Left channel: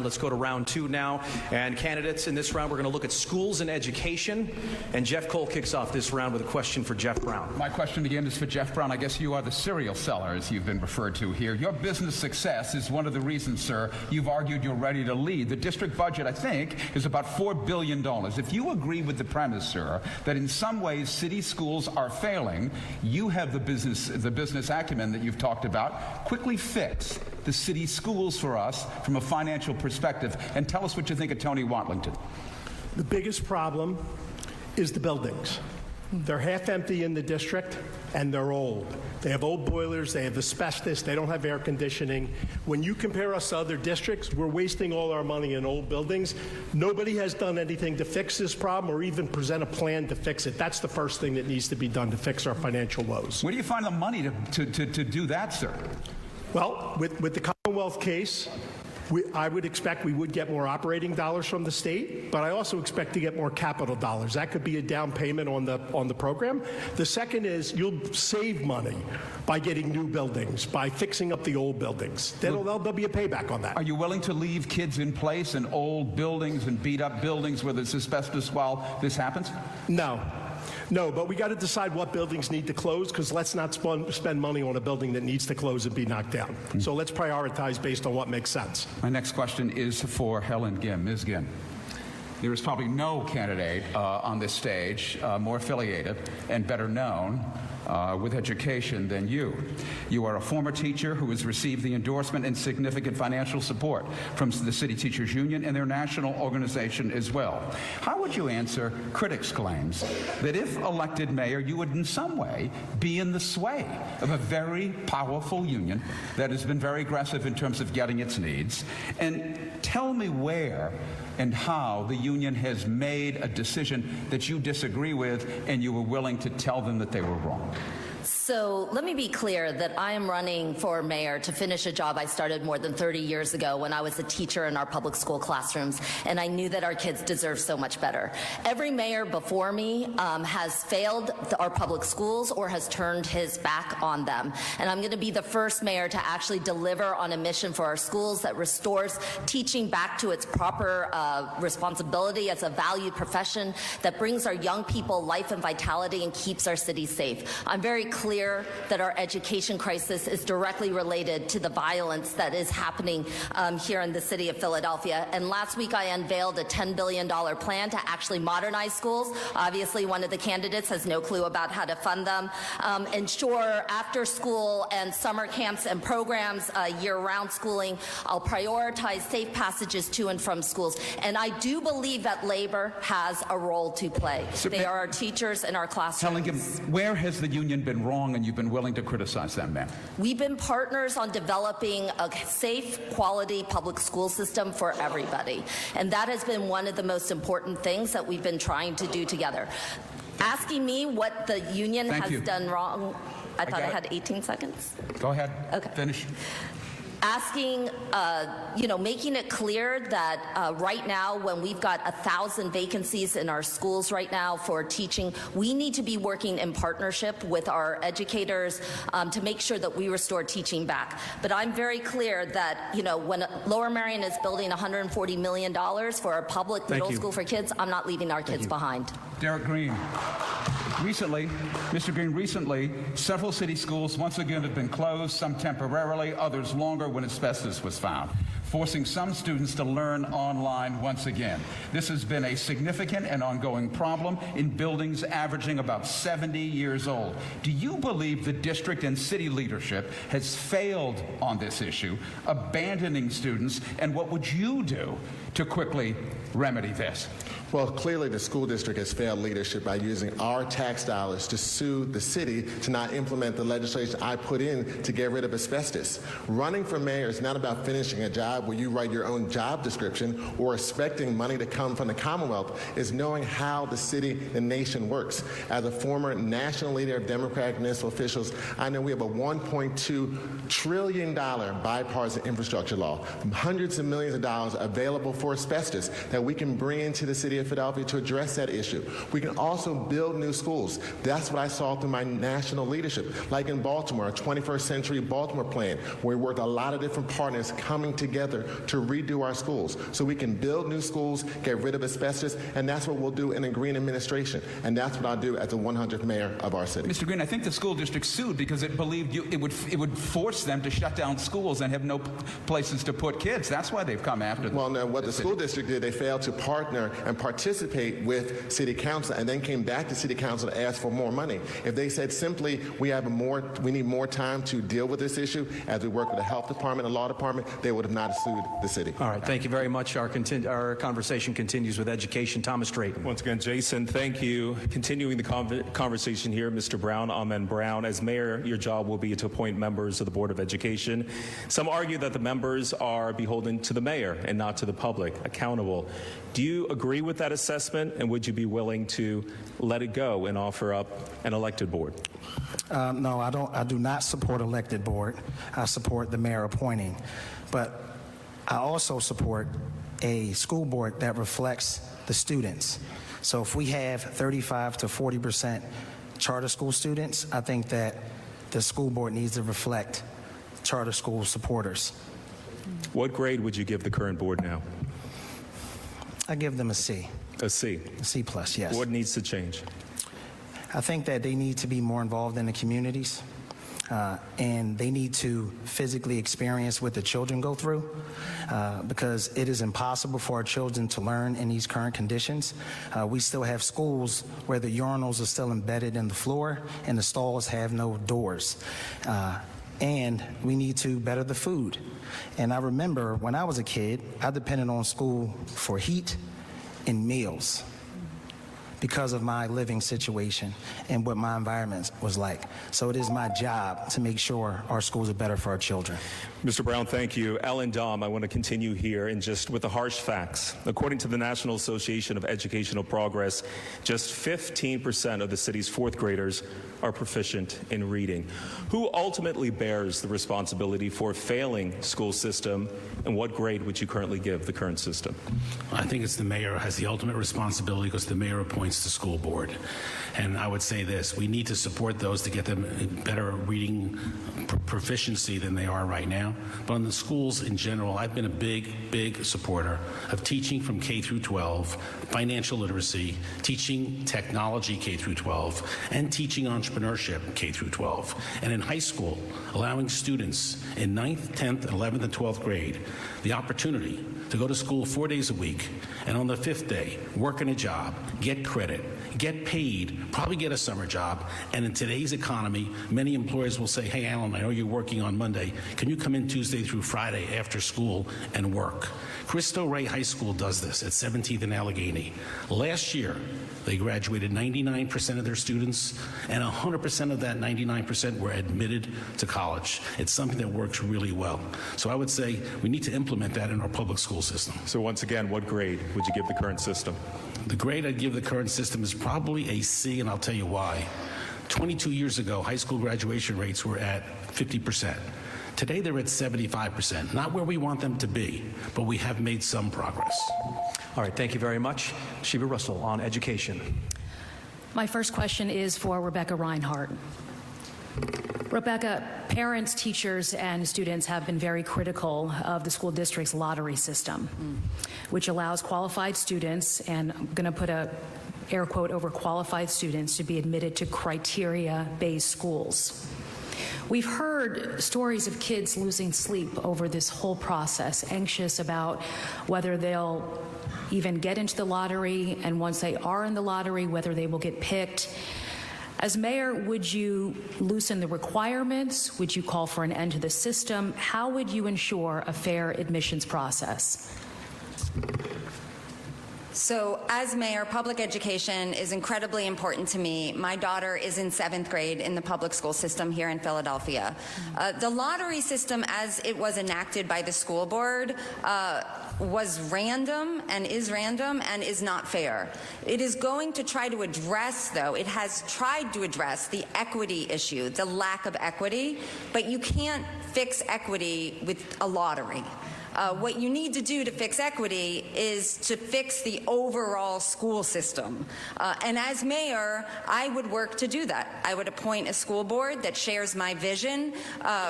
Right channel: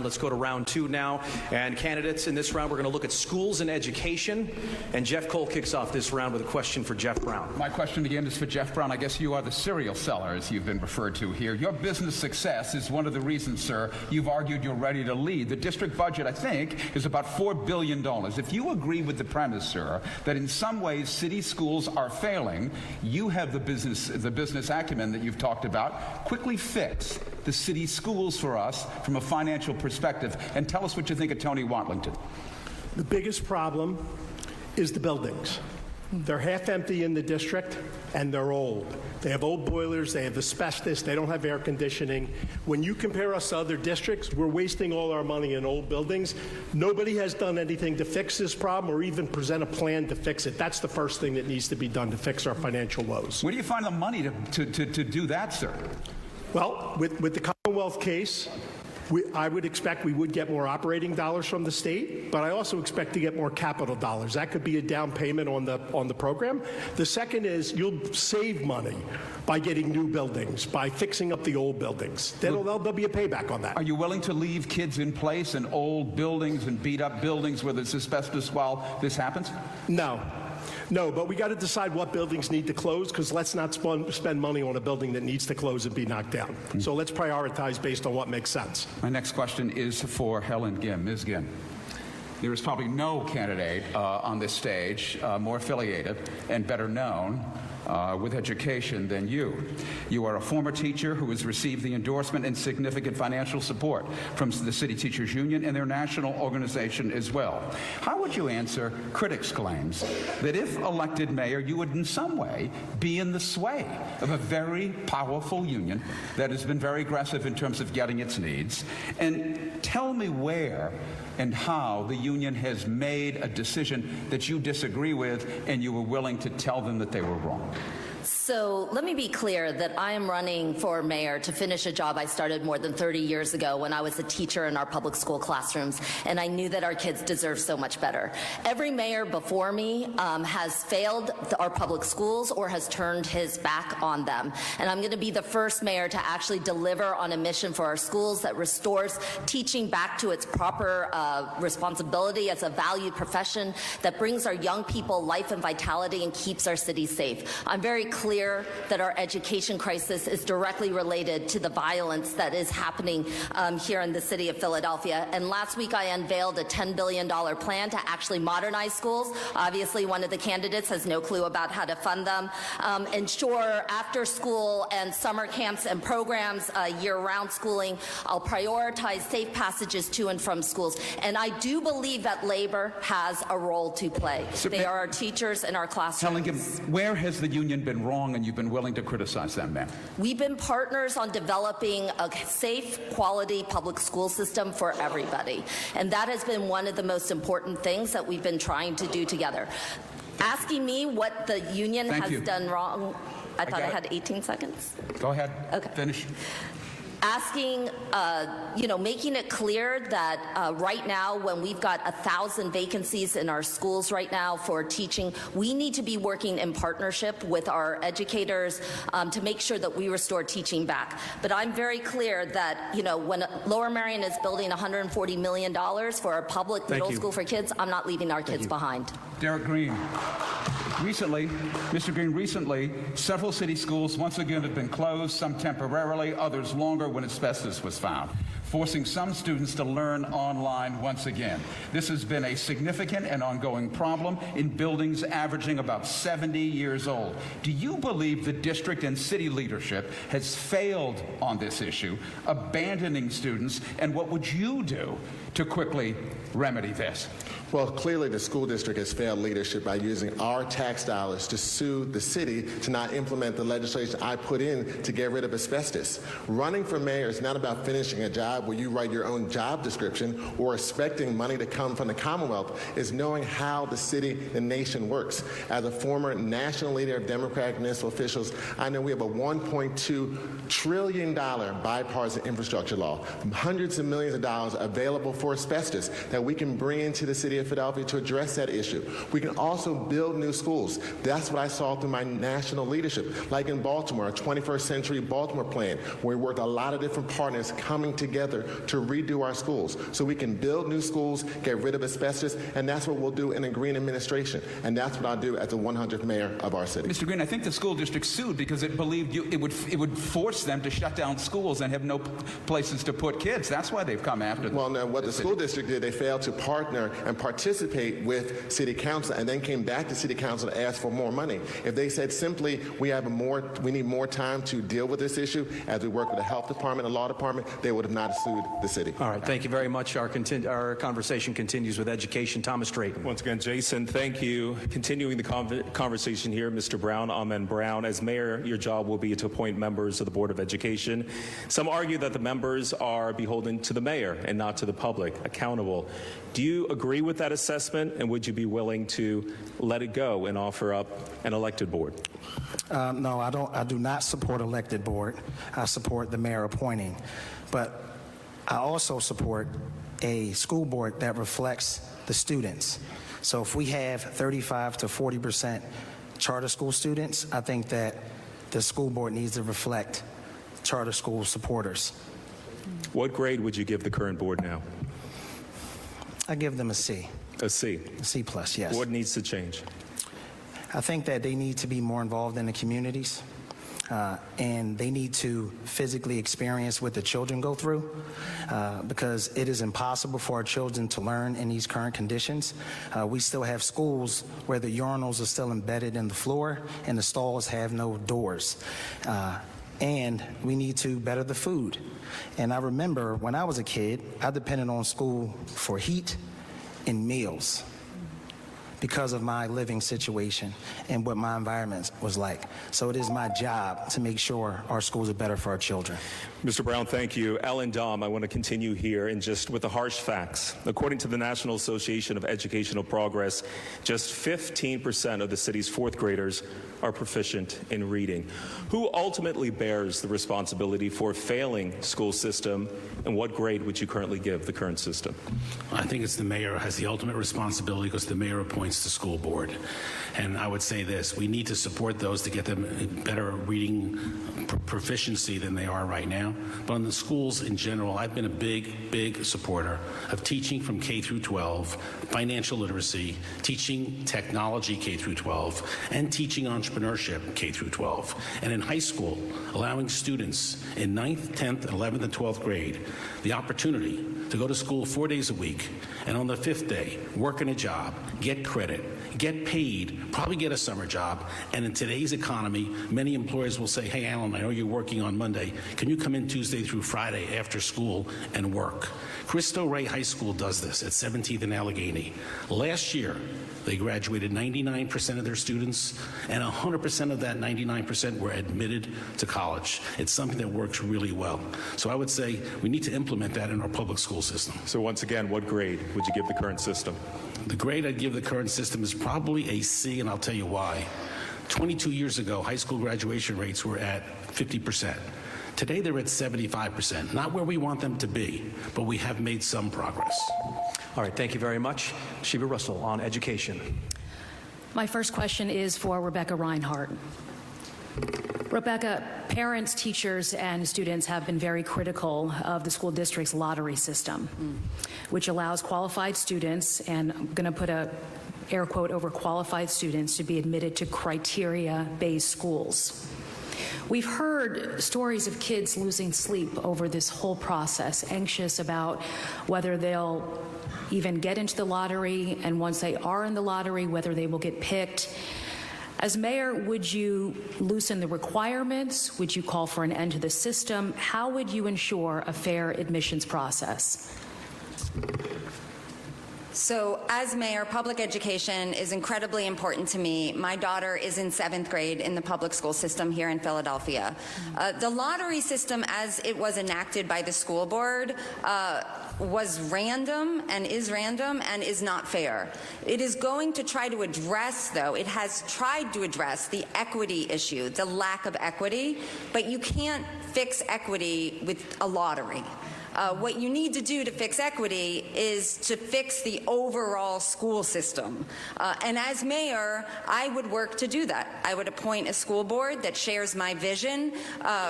Let's go to round two now. And candidates in this round, we're going to look at schools and education. And Jeff Cole kicks off this round with a question for Jeff Brown. My question again is for Jeff Brown. I guess you are the serial seller, as you've been referred to here. Your business success is one of the reasons, sir, you've argued you're ready to lead. The district budget, I think, is about $4 billion. If you agree with the premise, sir, that in some ways city schools are failing, you have the business acumen that you've talked about. Quickly fix the city schools for us from a financial perspective, and tell us what you think of Tony Watlington. The biggest problem is the buildings. They're half empty in the district, and they're old. They have old boilers, they have asbestos, they don't have air conditioning. When you compare us to other districts, we're wasting all our money in old buildings. Nobody has done anything to fix this problem or even present a plan to fix it. That's the first thing that needs to be done to fix our financial woes. Where do you find the money to do that, sir? Well, with the Commonwealth case, I would expect we would get more operating dollars from the state, but I also expect to get more capital dollars. That could be a down payment on the program. The second is you'll save money by getting new buildings, by fixing up the old buildings. There'll be a payback on that. Are you willing to leave kids in place in old buildings and beat up buildings where there's asbestos while this happens? No, but we got to decide what buildings need to close, because let's not spend money on a building that needs to close and be knocked down. So let's prioritize based on what makes sense. My next question is for Helen Gim. Ms. Gim, there is probably no candidate on this stage more affiliated and better known with education than you. You are a former teacher who has received the endorsement and significant financial support from the City Teachers Union and their national organization as well. How would you answer critics' claims that if elected mayor, you would in some way be in the sway of a very powerful union that has been very aggressive in terms of getting its needs? And tell me where and how the union has made a decision that you disagree with and you were willing to tell them that they were wrong. So let me be clear that I am running for mayor to finish a job I started more than 30 years ago when I was a teacher in our public school classrooms, and I knew that our kids deserve so much better. Every mayor before me has failed our public schools or has turned his back on them. And I'm going to be the first mayor to actually deliver on a mission for our schools that restores teaching back to its proper responsibility as a valued profession, that brings our young people life and vitality and keeps our cities safe. I'm very clear that our education crisis is directly related to the violence that is happening here in the city of Philadelphia. And last week I unveiled a $10 billion plan to actually modernize schools. Obviously one of the candidates has no clue about how to fund them. Ensure after school and summer camps and programs, year-round schooling. I'll prioritize safe passages to and from schools. And I do believe that labor has a role to play. They are our teachers in our classrooms. Helen, where has the union been wrong and you've been willing to criticize them, ma'am? We've been partners on developing a safe, quality public school system for everybody. And that has been one of the most important things that we've been trying to do together. Asking me what the union has done wrong, I thought I had 18 seconds. Go ahead. Okay. Finish. Asking, making it clear that right now, when we've got 1,000 vacancies in our schools right now for teaching, we need to be working in partnership with our educators to make sure that we restore teaching back. But I'm very clear that, when Lower Merion is building $140 million for a public middle school for kids, I'm not leaving our kids behind. Derek Green. Mr. Green, recently, several city schools once again have been closed, some temporarily, others longer when asbestos was found, forcing some students to learn online once again. This has been a significant and ongoing problem in buildings averaging about 70 years old. Do you believe the district and city leadership has failed on this issue, abandoning students, and what would you do to quickly remedy this? Well, clearly the school district has failed leadership by using our tax dollars to sue the city to not implement the legislation I put in to get rid of asbestos. Running for mayor is not about finishing a job where you write your own job description or expecting money to come from the Commonwealth. It's knowing how the city and nation works. As a former national leader of Democratic municipal officials, I know we have a $1.2 trillion bipartisan infrastructure law, hundreds of millions of dollars available for asbestos that we can bring into the city of Philadelphia to address that issue. We can also build new schools. That's what I saw through my national leadership, like in Baltimore, a 21st century Baltimore plan, where we worked a lot of different partners coming together together to redo our schools so we can build new schools, get rid of asbestos, and that's what we'll do in a green administration. And that's what I'll do as the 100th mayor of our city. Mr. Green, I think the school district sued because it believed it would force them to shut down schools and have no places to put kids. That's why they've come after them. Well, no, what the school district did, they failed to partner and participate with city council and then came back to city council to ask for more money. If they said simply, we need more time to deal with this issue as we work with the health department and law department, they would have not sued the city. All right, thank you very much. Our conversation continues with education. Thomas Drayton. Once again, Jason, thank you. Continuing the conversation here, Mr. Brown, Amen Brown. As mayor, your job will be to appoint members of the Board of Education. Some argue that the members are beholden to the mayor and not to the public, accountable. Do you agree with that assessment, and would you be willing to let it go and offer up an elected board? No, I don't. I do not support elected board. I support the mayor appointing, but I also support a school board that reflects the students. So if we have 35 to 40% charter school students, I think that the school board needs to reflect charter school supporters. What grade would you give the current board now? I give them a C. A C. A C plus, yes. What needs to change? I think that they need to be more involved in the communities, and they need to physically experience what the children go through, because it is impossible for our children to learn in these current conditions. We still have schools where the urinals are still embedded in the floor and the stalls have no doors. And we need to better the food. And I remember when I was a kid, I depended on school for heat and meals because of my living situation and what my environment was like. So it is my job to make sure our schools are better for our children. Mr. Brown, thank you. Ellen Dom, I want to continue here and just with the harsh facts. According to the National Association of Educational Progress, just 15% of the city's fourth graders are proficient in reading. Who ultimately bears the responsibility for failing school system, and what grade would you currently give the current system? I think it's the mayor has the ultimate responsibility because the mayor appoints the school board. And I would say this, we need to support those to get them better reading proficiency than they are right now. But on the schools in general, I've been a big supporter of teaching from K through 12, financial literacy, teaching technology K through 12, and teaching entrepreneurship K through 12. And in high school, allowing students in 9th, 10th, 11th, and 12th grade the opportunity to go to school 4 days a week, and on the 5th day, work in a job, get credit, get paid, probably get a summer job, and in today's economy, many employers will say, hey, Alan, I know you're working on Monday. Can you come in Tuesday through Friday after school and work? Cristo Rey High School does this at 17th and Allegheny. Last year, they graduated 99% of their students, and 100% of that 99% were admitted to college. It's something that works really well. So I would say we need to implement that in our public school system. So once again, what grade would you give the current system? The grade I'd give the current system is probably a C, and I'll tell you why. 22 years ago, high school graduation rates were at 50%. Today, they're at 75%. Not where we want them to be, but we have made some progress. All right, thank you very much. Sheba Russell on education. My first question is for Rebecca Reinhardt. Rebecca, parents, teachers, and students have been very critical of the school district's lottery system, which allows qualified students, and I'm going to put a air quote over qualified students, to be admitted to criteria-based schools. We've heard stories of kids losing sleep over this whole process, anxious about whether they'll even get into the lottery, and once they are in the lottery, whether they will get picked. As mayor, would you loosen the requirements? Would you call for an end to the system? How would you ensure a fair admissions process? So as mayor, public education is incredibly important to me. My daughter is in 7th grade in the public school system here in Philadelphia. The lottery system, as it was enacted by the school board, was random and is not fair. It is going to try to address, though, it has tried to address the equity issue, the lack of equity, but you can't fix equity with a lottery. What you need to do to fix equity is to fix the overall school system. And as mayor, I would work to do that. I would appoint a school board that shares my vision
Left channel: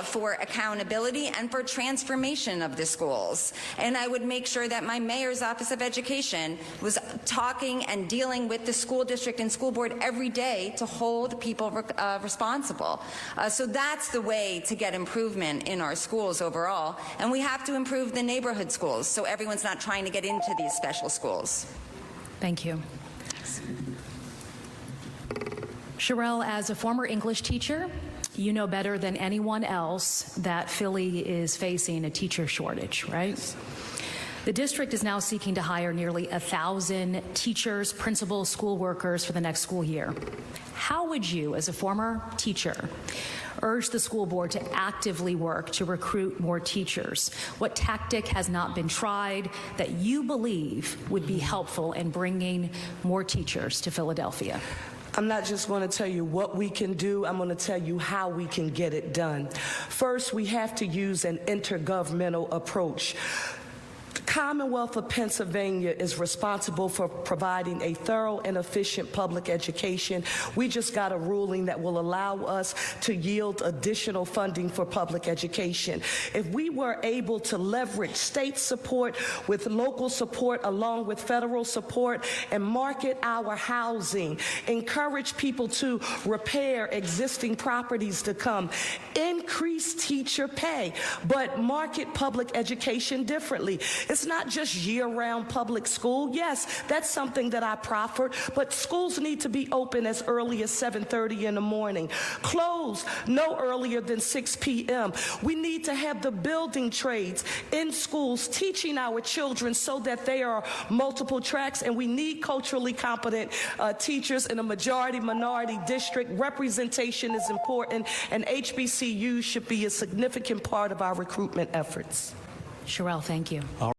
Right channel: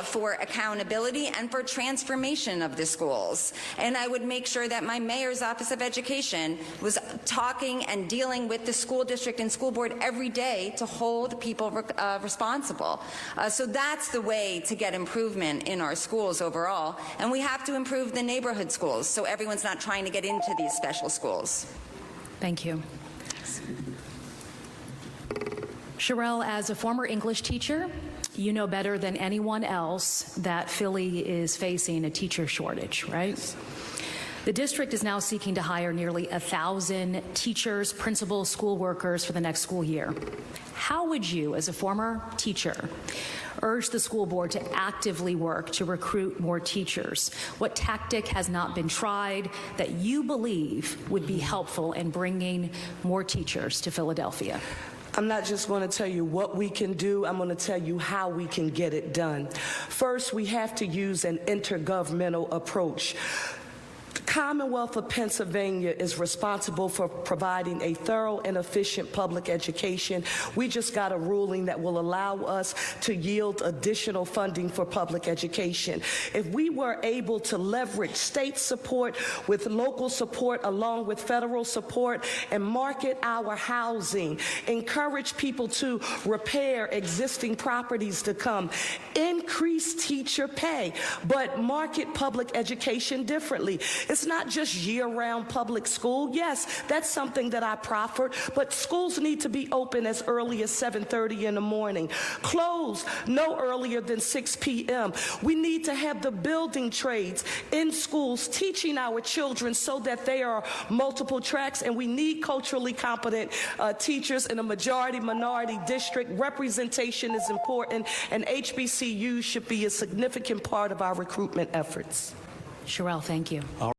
for accountability and for transformation of the schools. And I would make sure that my mayor's Office of Education was talking and dealing with the school district and school board every day to hold people responsible. So that's the way to get improvement in our schools overall. And we have to improve the neighborhood schools so everyone's not trying to get into these special schools. Thank you. Sherelle, as a former English teacher, you know better than anyone else that Philly is facing a teacher shortage, right? The district is now seeking to hire nearly 1,000 teachers, principals, school workers for the next school year. How would you, as a former teacher, urge the school board to actively work to recruit more teachers? What tactic has not been tried that you believe would be helpful in bringing more teachers to Philadelphia? I'm not just going to tell you what we can do, I'm going to tell you how we can get it done. First, we have to use an intergovernmental approach. The Commonwealth of Pennsylvania is responsible for providing a thorough and efficient public education. We just got a ruling that will allow us to yield additional funding for public education. If we were able to leverage state support with local support along with federal support and market our housing, encourage people to repair existing properties to come, increase teacher pay, but market public education differently. It's not just year-round public school. Yes, that's something that I proffered, but schools need to be open as early as 7:30 in the morning, closed no earlier than 6 p.m. We need to have the building trades in schools teaching our children so that they are multiple tracks, and we need culturally competent teachers in a majority-minority district. Representation is important, and HBCUs should be a significant part of our recruitment efforts. Sherelle, thank you.